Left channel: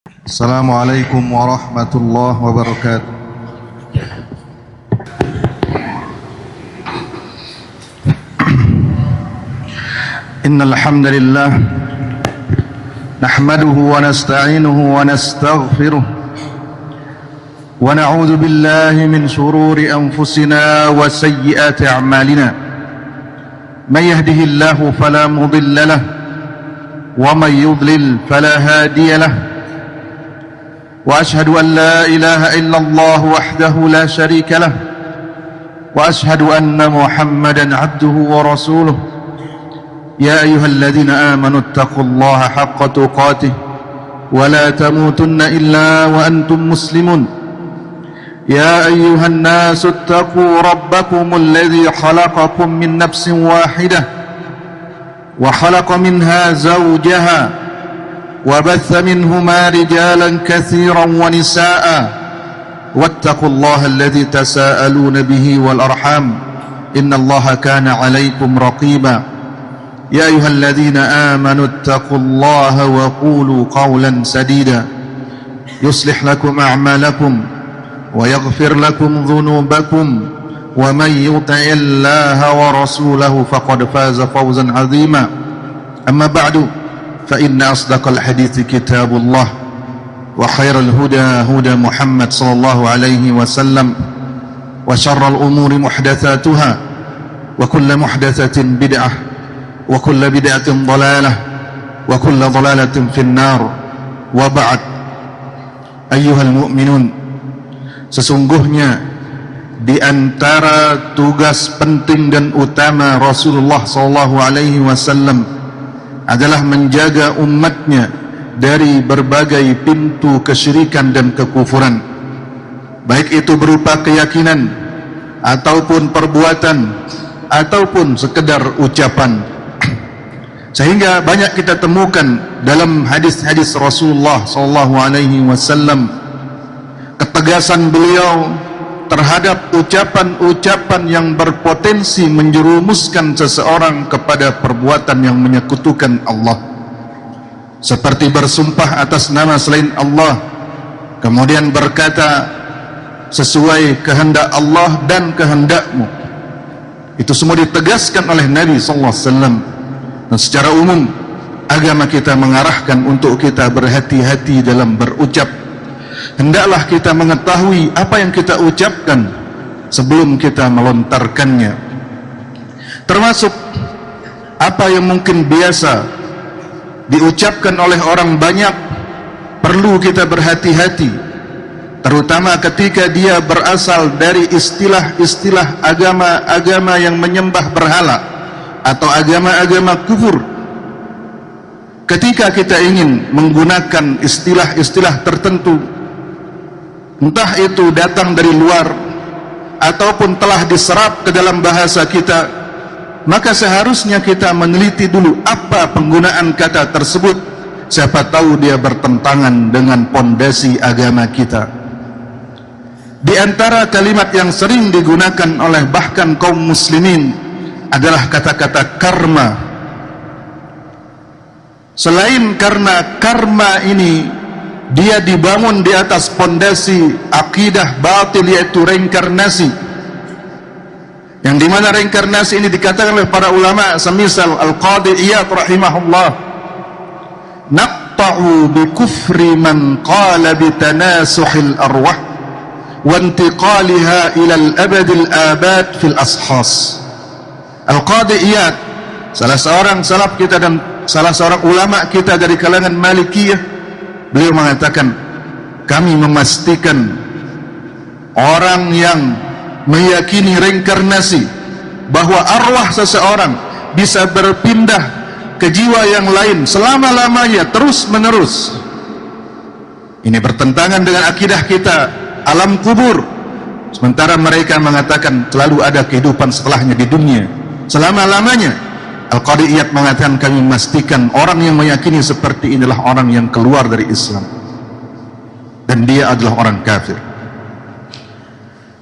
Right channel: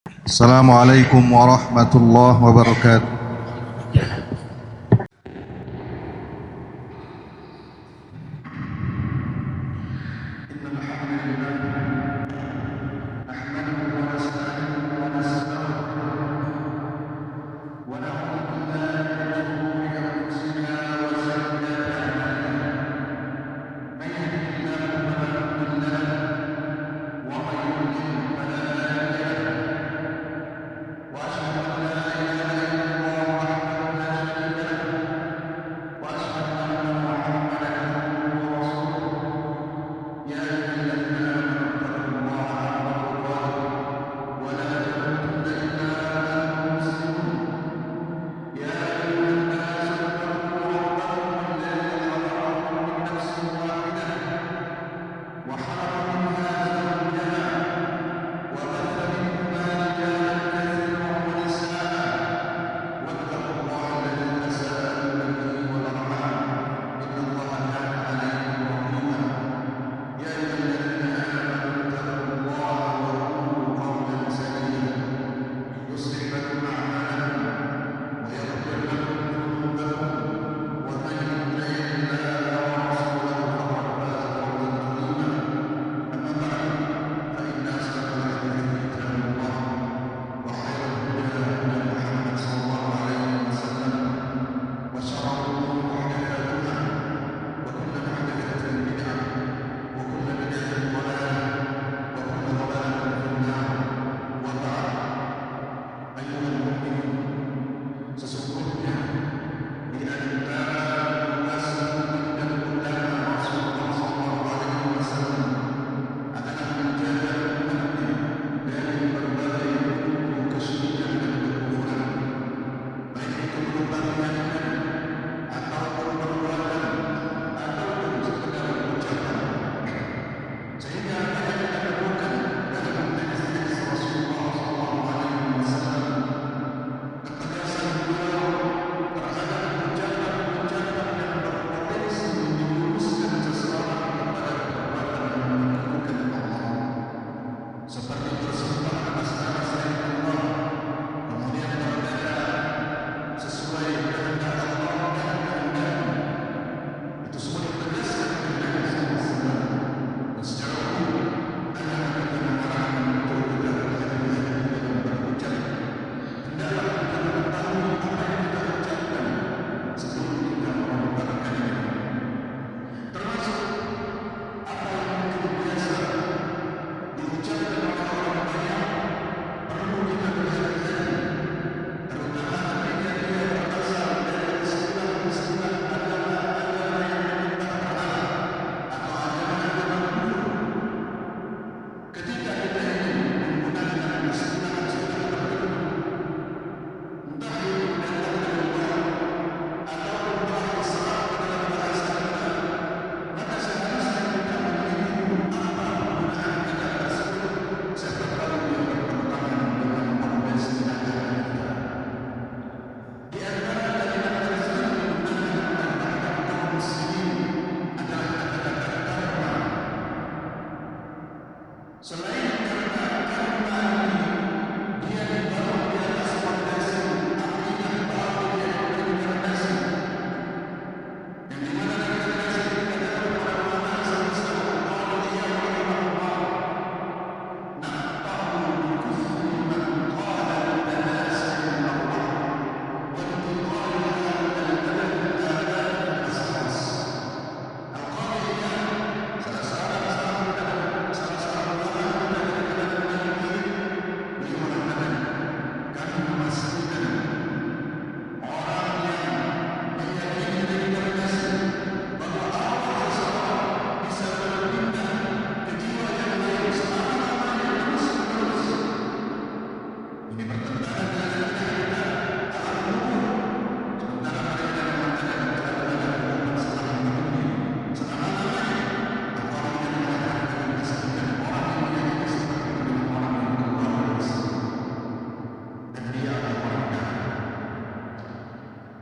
Assalamualaikum warahmatullahi wabarakatuh. Innal hamdalillah nahmaduhu wa nasta'inuhu wa nastaghfiruh wa na'udzu billahi min shururi anfusina wa sayyiati a'malina. Man yahdihillahu fala mudilla lahu wa man yudlil fala hadiya lahu. وأشهد أن لا إله إلا الله وحده لا شريك له وأشهد أن محمدا عبده ورسوله يا أيها الذين آمنوا اتقوا الله حق تقاته ولا تموتن إلا وأنتم مسلمون يا أيها الناس اتقوا ربكم الذي خلقكم من نفس واحدة وخلق منها زوجها وبث منهما رجالا كثيرا ونساء واتقوا الله الذي تساءلون به والأرحام إن الله كان عليكم رقيبا يا أيها الذين آمنوا اتقوا الله وقولوا قولا سديدا يصلح لكم أعمالكم ويغفر لكم ذنوبكم ومن يطع الله ورسوله فقد فاز فوزا عظيما أما بعد فإن أصدق الحديث كتاب الله وخير الهدى هدى محمد صلى الله عليه وسلم وشر الأمور محدثاتها وكل محدثة بدعة وكل بدعة ضلالة وكل ضلالة في النار وبعد أيها المؤمنون, sesungguhnya di antara tugas penting dan utama Rasulullah sallallahu alaihi wasallam adalah menjaga umatnya dari berbagai pintu kesyirikan dan kekufuran, baik itu berupa keyakinan ataupun perbuatan ataupun sekedar ucapan. Sehingga banyak kita temukan dalam hadis-hadis Rasulullah sallallahu alaihi wasallam ketegasan beliau terhadap ucapan-ucapan yang berpotensi menjerumuskan seseorang kepada perbuatan yang menyekutukan Allah, seperti bersumpah atas nama selain Allah, kemudian berkata sesuai kehendak Allah dan kehendakmu. Itu semua ditegaskan oleh Nabi sallallahu alaihi wasallam. Dan secara umum agama kita mengarahkan untuk kita berhati-hati dalam berucap. Hendaklah kita mengetahui apa yang kita ucapkan sebelum kita melontarkannya, termasuk apa yang mungkin biasa diucapkan oleh orang banyak. Perlu kita berhati-hati, terutama ketika dia berasal dari istilah-istilah agama-agama yang menyembah berhala atau agama-agama kufur. Ketika kita ingin menggunakan istilah-istilah tertentu, entah itu datang dari luar ataupun telah diserap ke dalam bahasa kita, maka seharusnya kita meneliti dulu apa penggunaan kata tersebut. Siapa tahu dia bertentangan dengan pondasi agama kita. Di antara kalimat yang sering digunakan oleh bahkan kaum muslimin adalah kata-kata karma. Selain karena karma ini dia dibangun di atas pondasi akidah batil, yaitu reinkarnasi, yang dimana reinkarnasi ini dikatakan oleh para ulama semisal Al-Qadi Iyad rahimahullah, naqta'u bi kufri man qala bi tanasuhil arwah wa intiqaliha ila al-abadil abad fil ashas. Al-Qadi Iyad, salah seorang salaf kita dan salah seorang ulama kita dari kalangan Malikiyah, beliau mengatakan, kami memastikan orang yang meyakini reinkarnasi, bahwa arwah seseorang bisa berpindah ke jiwa yang lain selama-lamanya, terus menerus. Ini bertentangan dengan akidah kita alam kubur, sementara mereka mengatakan selalu ada kehidupan setelahnya di dunia selama-lamanya. Al-Qadi Iyad mengatakan, kami memastikan orang yang meyakini seperti inilah orang yang keluar dari Islam dan dia adalah orang kafir.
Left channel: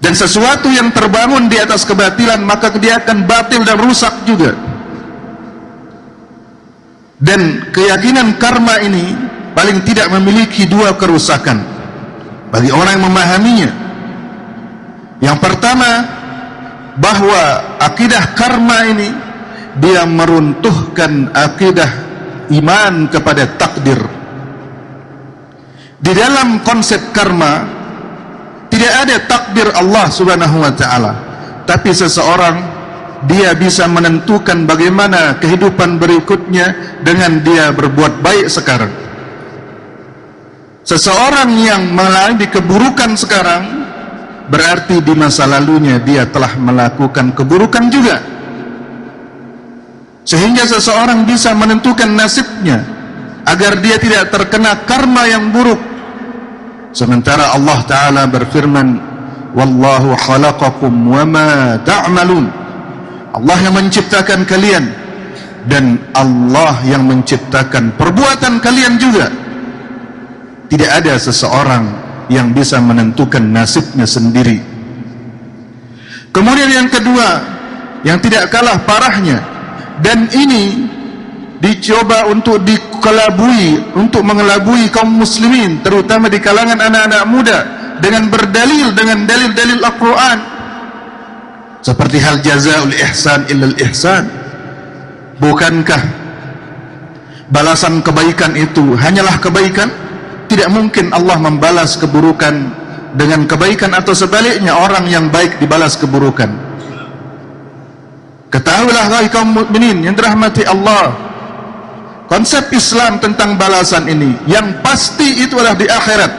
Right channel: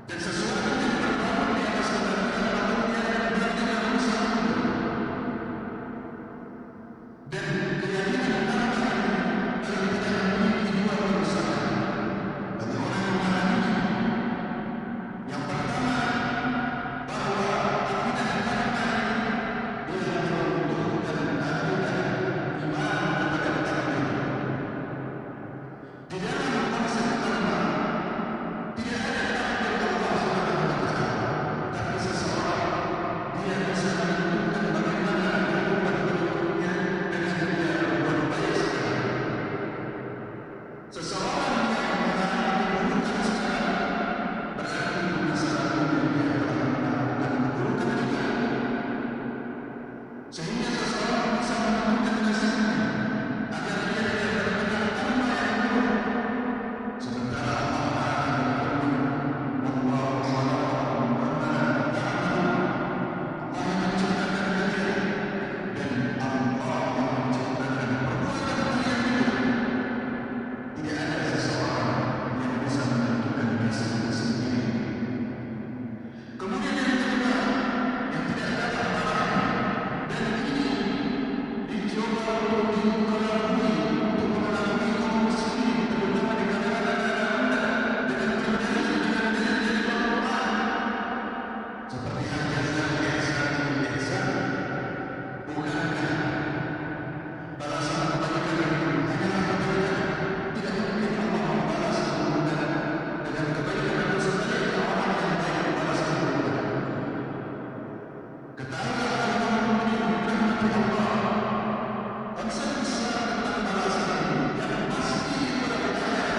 Dan sesuatu yang terbangun di atas kebatilan, maka dia akan batil dan rusak juga. Dan keyakinan karma ini paling tidak memiliki dua kerusakan bagi orang yang memahaminya. Yang pertama, bahwa akidah karma ini dia meruntuhkan akidah iman kepada takdir. Di dalam konsep karma tidak ada takdir Allah Subhanahu wa taala, tapi seseorang dia bisa menentukan bagaimana kehidupan berikutnya dengan dia berbuat baik sekarang. Seseorang yang mengalami keburukan sekarang berarti di masa lalunya dia telah melakukan keburukan juga, sehingga seseorang bisa menentukan nasibnya agar dia tidak terkena karma yang buruk. Sementara Allah Ta'ala berfirman, Wallahu khalaqakum wa ma ta'malun. Allah yang menciptakan kalian dan Allah yang menciptakan perbuatan kalian juga. Tidak ada seseorang yang bisa menentukan nasibnya sendiri. Kemudian yang kedua, yang tidak kalah parahnya, dan ini dicoba untuk dikelabui, untuk mengelabui kaum muslimin, terutama di kalangan anak-anak muda, dengan berdalil dengan dalil-dalil Al-Quran, seperti hal jazaul ihsan illal ihsan. Bukankah balasan kebaikan itu hanyalah kebaikan? Tidak mungkin Allah membalas keburukan dengan kebaikan, atau sebaliknya orang yang baik dibalas keburukan. Ketahuilah wahai kaum mukminin yang dirahmati Allah, konsep Islam tentang balasan ini yang pasti itu adalah di akhirat.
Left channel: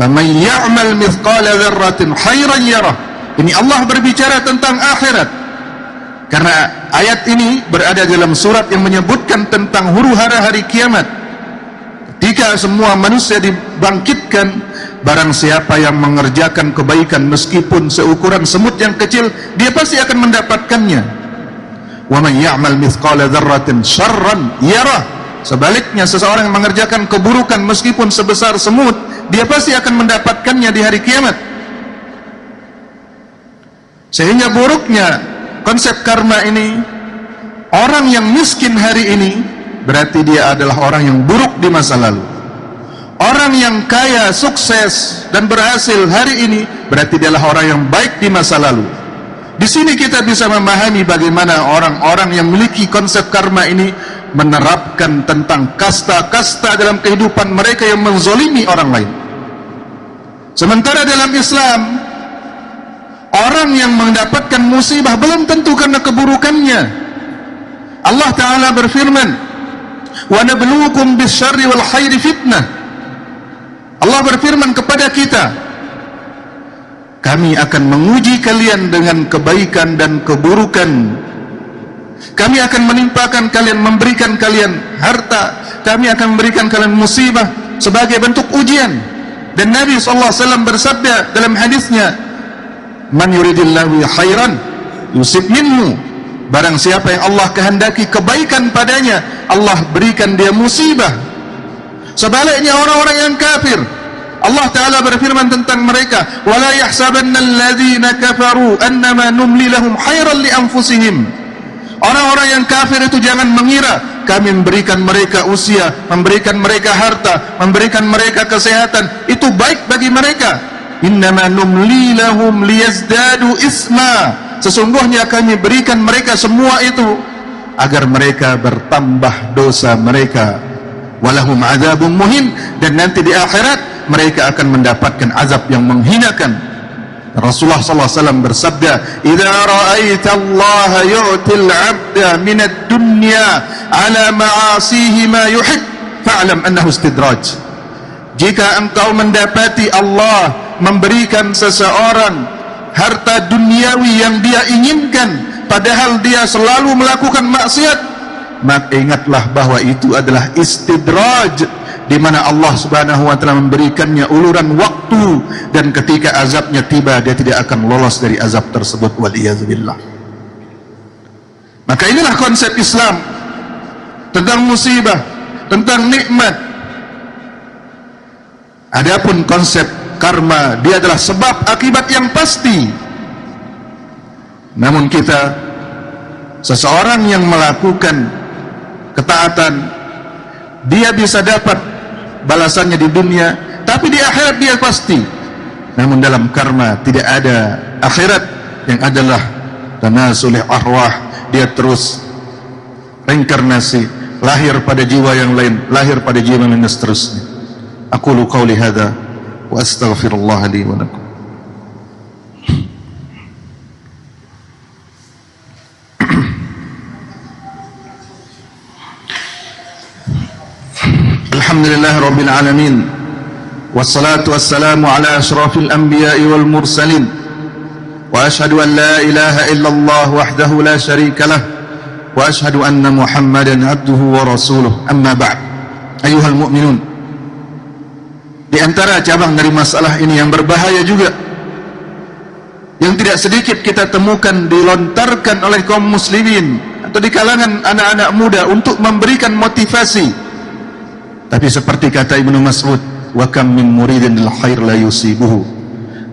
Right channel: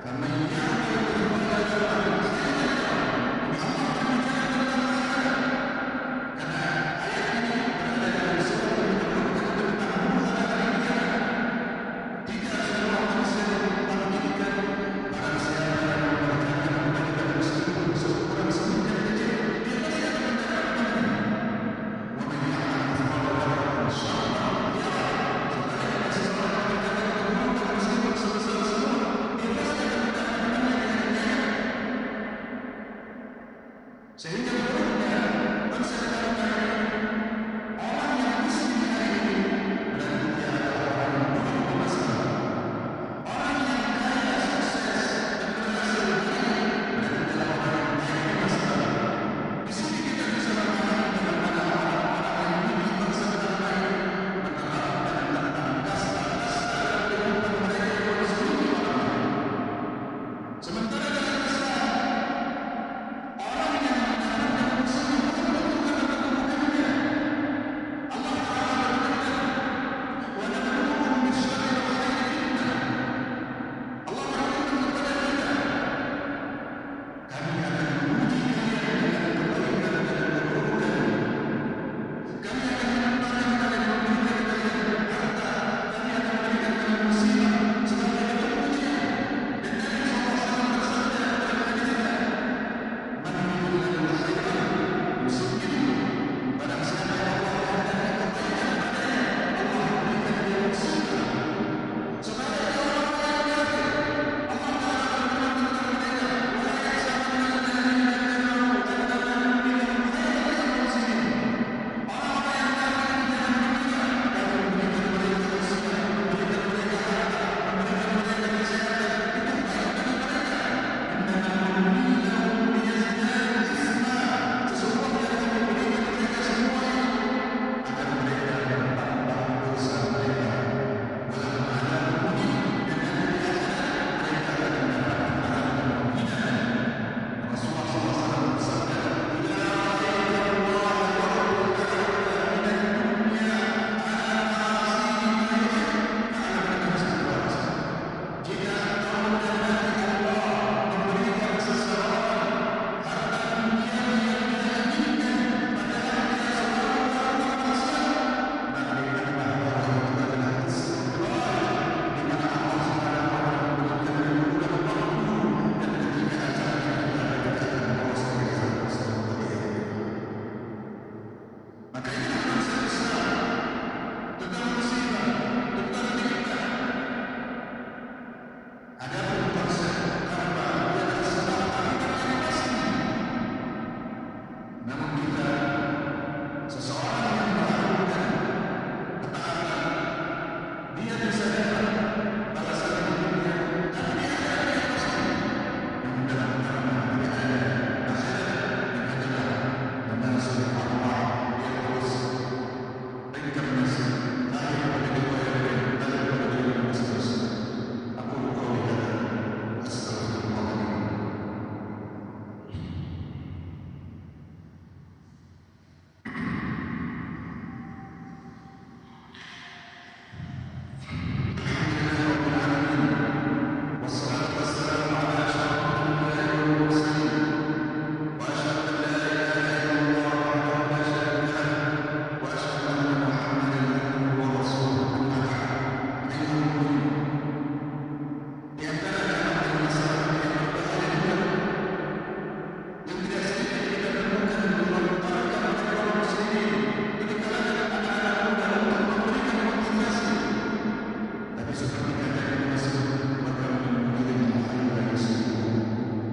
Faman ya'mal mithqala dzarratin khairan yarah. Ini Allah berbicara tentang akhirat, karena ayat ini berada dalam surat yang menyebutkan tentang huru-hara hari kiamat. Ketika semua manusia dibangkitkan, barang siapa yang mengerjakan kebaikan meskipun seukuran semut yang kecil, dia pasti akan mendapatkannya. Wa man ya'mal mithqala dzarratin syarran yarah. Sebaliknya, seseorang yang mengerjakan keburukan meskipun sebesar semut, dia pasti akan mendapatkannya di hari kiamat. Sehingga buruknya konsep karma ini, orang yang miskin hari ini berarti dia adalah orang yang buruk di masa lalu. Orang yang kaya, sukses dan berhasil hari ini berarti dia adalah orang yang baik di masa lalu. Di sini kita bisa memahami bagaimana orang-orang yang memiliki konsep karma ini menerapkan tentang kasta-kasta dalam kehidupan mereka yang menzolimi orang lain. Sementara dalam Islam, orang yang mendapatkan musibah belum tentu karena keburukannya. Allah Ta'ala berfirman, wa nabluukum bisyarri wal khairi fitnah. Allah berfirman kepada kita, kami akan menguji kalian dengan kebaikan dan keburukan. Kami akan menimpakan kalian, memberikan kalian harta, kami akan memberikan kalian musibah sebagai bentuk ujian. Dan Nabi SAW bersabda dalam hadisnya, man yuridillahu khairan yusib minhu. Barang siapa yang Allah kehendaki kebaikan padanya, Allah berikan dia musibah. Sebaliknya orang-orang yang kafir, Allah Ta'ala berfirman tentang mereka, wala yahsabanna alladhina kafaru annama numli lahum khairan li anfusihim. Orang-orang yang kafir itu jangan mengira kami memberikan mereka usia, memberikan mereka harta, memberikan mereka kesehatan, itu baik bagi mereka. Innama numli lahum liyazdadu isma. Sesungguhnya kami berikan mereka semua itu agar mereka bertambah dosa mereka. Walahum azabun muhin. Dan nanti di akhirat mereka akan mendapatkan azab yang menghinakan. Rasulullah SAW bersabda, idza ra'aita Allah yu'til 'abda min ad-dunya 'ala ma'asihi ma yuhib fa'lam annahu istidraj. Jika engkau mendapati Allah memberikan seseorang harta duniawi yang dia inginkan, padahal dia selalu melakukan maksiat, maka ingatlah bahwa itu adalah istidraj, di mana Allah Subhanahu wa taala memberikannya uluran waktu, dan ketika azabnya tiba dia tidak akan lolos dari azab tersebut, waliyadzubillah. Maka inilah konsep Islam tentang musibah, tentang nikmat. Adapun konsep karma, dia adalah sebab akibat yang pasti. Namun seseorang yang melakukan ketaatan dia bisa dapat balasannya di dunia, tapi di akhirat dia pasti. Namun dalam karma tidak ada akhirat, yang adalah tanasulih arwah, dia terus reinkarnasi, lahir pada jiwa yang lain, lahir pada jiwa yang lain, dan seterusnya. Aqulu qawli hadza wa astaghfirullah li wa lakum. Alhamdulillah Rabbil Alamin, wassalatu wassalamu ala ashrafil anbiya'i wal mursalin, wa ashhadu an la ilaha illallah wahdahu la sharika lah, wa ashhadu anna Muhammadan abduhu wa rasuluh. Amma ba'd. Ayuhal mu'minun, di antara cabang dari masalah ini yang berbahaya juga, yang tidak sedikit kita temukan dilontarkan oleh kaum muslimin atau di kalangan anak-anak muda untuk memberikan motivasi. Tapi seperti kata Ibnu Mas'ud, wa kam min muridin lil khair la yusibuhu.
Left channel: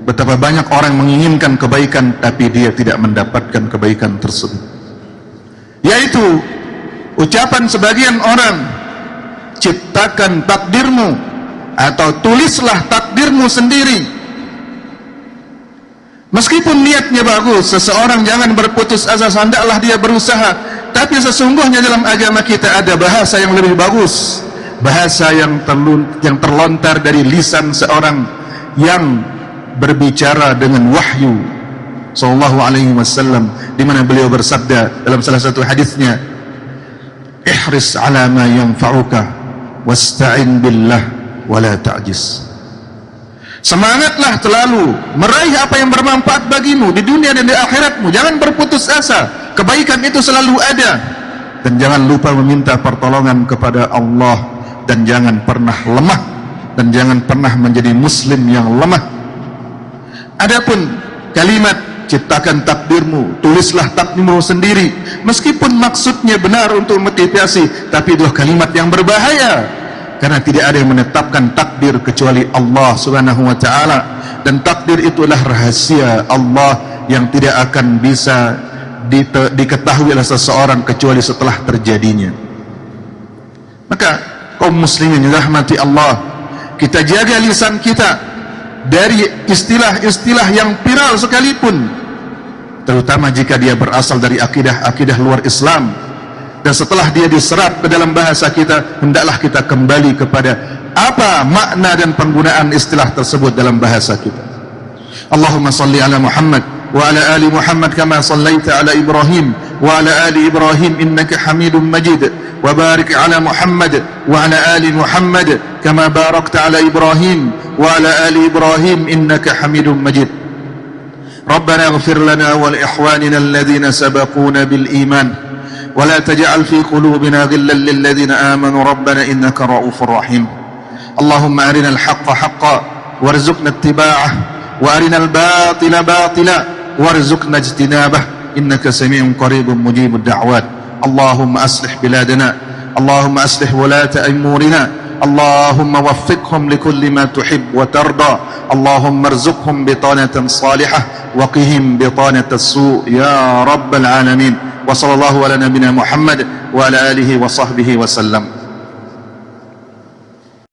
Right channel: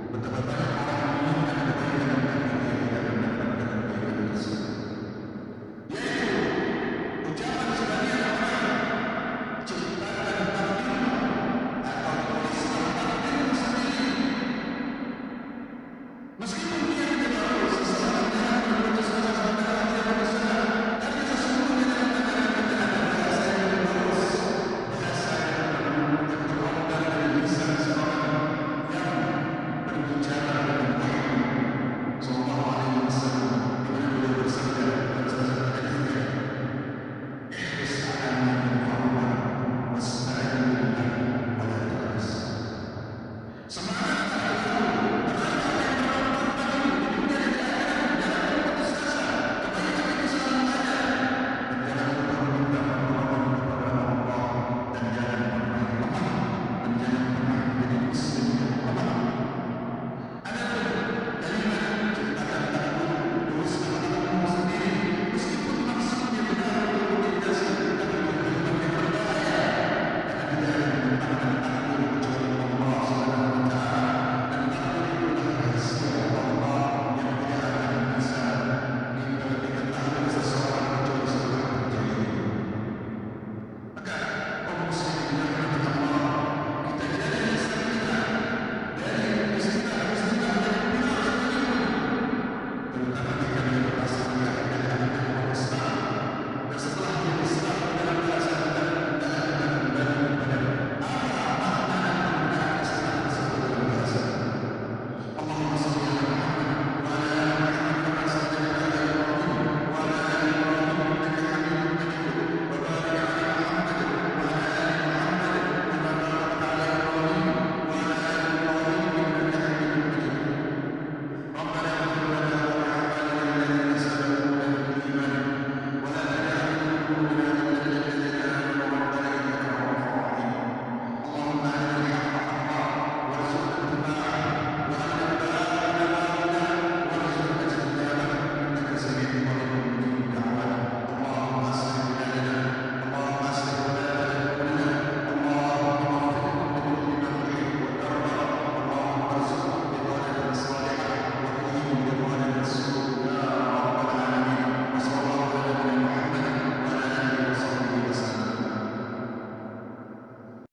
Betapa banyak orang menginginkan kebaikan tapi dia tidak mendapatkan kebaikan tersebut. Yaitu ucapan sebagian orang, ciptakan takdirmu atau tulislah takdirmu sendiri. Meskipun niatnya bagus, seseorang jangan berputus asa, hendaklah dia berusaha. Tapi sesungguhnya dalam agama kita ada bahasa yang lebih bagus, bahasa yang terlontar dari lisan seorang yang berbicara dengan wahyu sallallahu alaihi wasallam, di mana beliau bersabda dalam salah satu hadisnya, ihris ala ma yanfa'uka wasta'in billah wala ta'jis. Semangatlah selalu meraih apa yang bermanfaat bagimu di dunia dan di akhiratmu. Jangan berputus asa, kebaikan itu selalu ada, dan jangan lupa meminta pertolongan kepada Allah, dan jangan pernah lemah, dan jangan pernah menjadi muslim yang lemah. Adapun kalimat ciptakan takdirmu, tulislah takdirmu sendiri, meskipun maksudnya benar untuk motivasi, tapi itu kalimat yang berbahaya, karena tidak ada yang menetapkan takdir kecuali Allah Subhanahu wa taala, dan takdir itulah rahasia Allah yang tidak akan bisa diketahui oleh seseorang kecuali setelah terjadinya. Maka kaum muslimin yang dirahmati Allah, kita jaga lisan kita dari istilah-istilah yang viral sekalipun, terutama jika dia berasal dari akidah luar Islam, dan setelah dia diserap ke dalam bahasa kita, hendaklah kita kembali kepada apa makna dan penggunaan istilah tersebut dalam bahasa kita. Allahumma salli ala Muhammad wa ala ali Muhammad kama sallaita ala Ibrahim wa ala ali Ibrahim innaka Hamidum Majid, wa barik ala Muhammad wa ala ali Muhammad kama barakta ala Ibrahim wa ala ali Ibrahim innaka Hamidum Majid. Rabbana ighfir lana wa li ikhwanina alladhina sabaquna bil iman ولا تجعل في قلوبنا غلا للذين آمنوا ربنا إنك رؤوف رحيم. اللهم أرنا الحق حقا وارزقنا اتباعه وأرنا الباطل باطلا وارزقنا اجتنابه إنك سميع قريب مجيب الدعوات. اللهم أصلح بلادنا، اللهم أصلح ولاة أمورنا، اللهم وفقهم لكل ما تحب وترضى، اللهم ارزقهم بطانة صالحة وقهم بطانة السوء يا رب العالمين. وصلى الله على نبينا محمد وعلى آله وصحبه وسلم.